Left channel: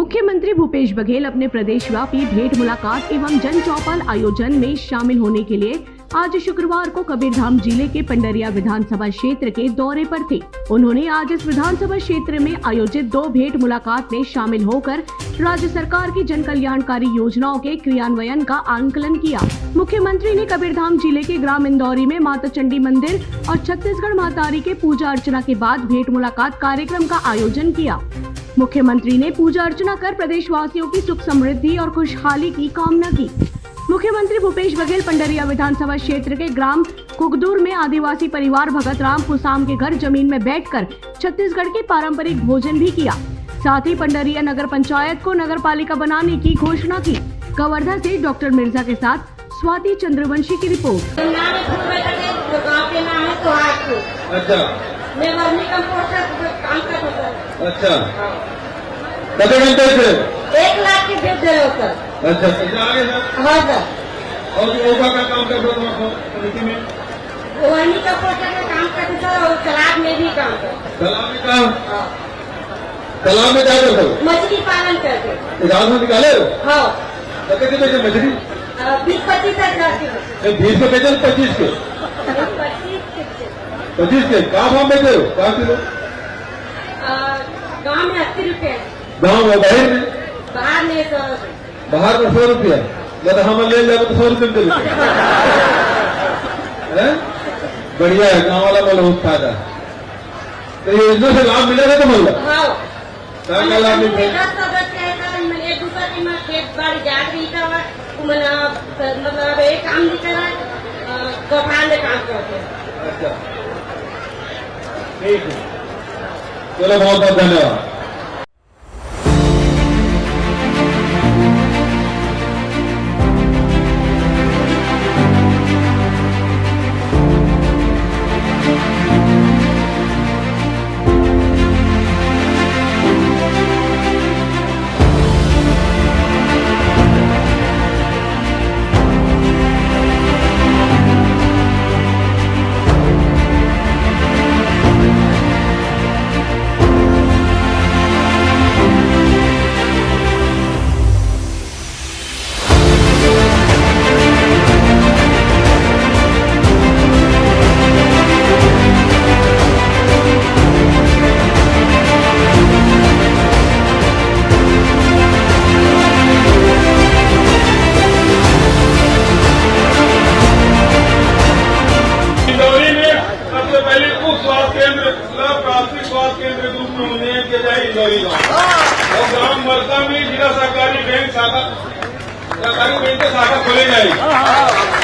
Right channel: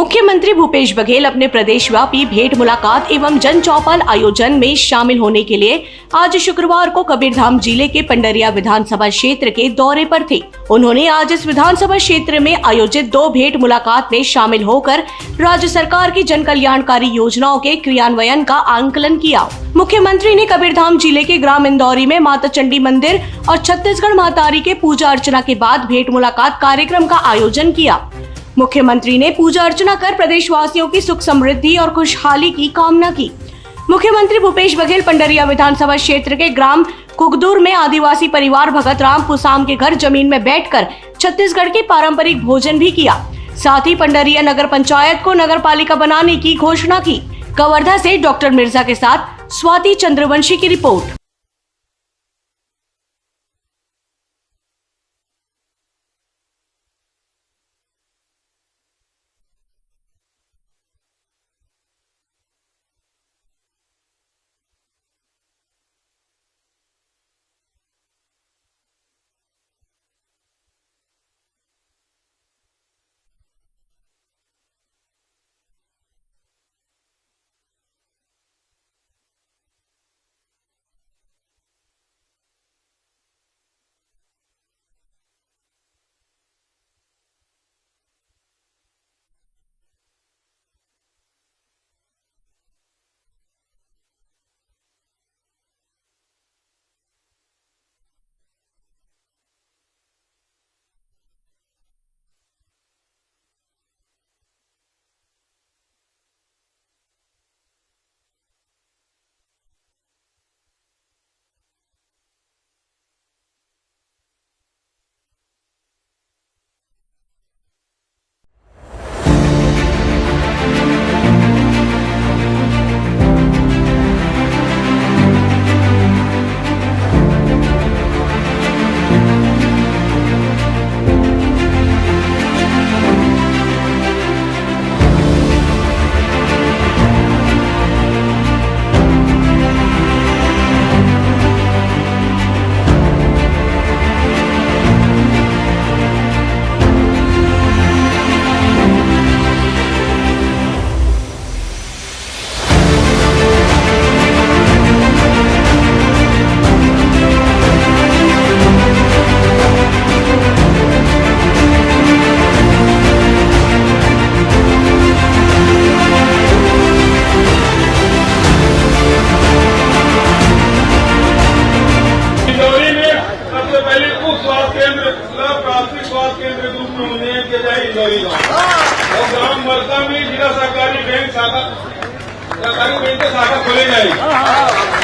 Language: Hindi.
मुख्यमंत्री भूपेश बघेल अपने प्रदेशव्यापी भेंट मुलाकात एवं जन चौपाल आयोजन में शामिल होने के लिए आज शुक्रवार को कबीरधाम जिले के पंडरिया विधानसभा क्षेत्र के दौरे पर थे। उन्होंने आज इस विधानसभा क्षेत्र में आयोजित 2 भेंट मुलाकात में शामिल होकर राज्य सरकार की जन कल्याणकारी योजनाओं के क्रियान्वयन का आंकलन किया। मुख्यमंत्री ने कबीरधाम जिले के ग्राम इंदौरी में माता चंडी मंदिर और छत्तीसगढ़ मातारी के पूजा अर्चना के बाद भेंट मुलाकात कार्यक्रम का आयोजन किया। मुख्यमंत्री ने पूजा अर्चना कर प्रदेशवासियों की सुख समृद्धि और खुशहाली की कामना की। मुख्यमंत्री भूपेश बघेल पंडरिया विधानसभा क्षेत्र के ग्राम कुगदूर में आदिवासी परिवार भगत राम पुसाम के घर जमीन में बैठकर छत्तीसगढ़ के पारंपरिक भोजन भी किया। साथ ही पंडरिया नगर पंचायत को नगर पालिका बनाने की घोषणा की। कवर्धा से डॉक्टर मिर्जा के साथ स्वाति चंद्रवंशी की रिपोर्ट। अच्छा कितने घंटे से 1 लाख की भेज दे रहे हो सर। अच्छा आगे सर। हाँ सर। और ओका का काम कर रहे हो समिति में? वही का पोस्टर में काम करते सर और तालाब में भी काम करते। तालाब में काम? तालाब में क्या करते हो? मछली पालन करते। रात में निकाले? हाँ। कितने बेचे मछली? 20-25 हजार 20 के बेचे 25 के? 25 के क्या भाव बेचे हो? 5 किलो गाँव में 80 रुपए। गाँव में? बाहर में? बाहर में 100। बाहर में 100 रुपया? जब हम ले जाए तो 100 रुपये में देते। बढ़िया है, गाँव वाला बोला बहुत फायदा। तो ये योजना से लाभ मिलेगा तो बोला? हाँ। क्या लाभ मिलेगा? एक दूसरा की मैं खेत बाड़ी जा रही था मतलब एक काम नहीं करा दोपहर में काम करते। अच्छा ठीक है, चलो बहुत बहुत धन्यवाद। प्राथमिक स्वास्थ्य केंद्र रूप में उन्नयन किया जाए इंदौरी गाँव और ग्राम मरसा में जिला सहकारी बैंक शाखा खोले जाएगी।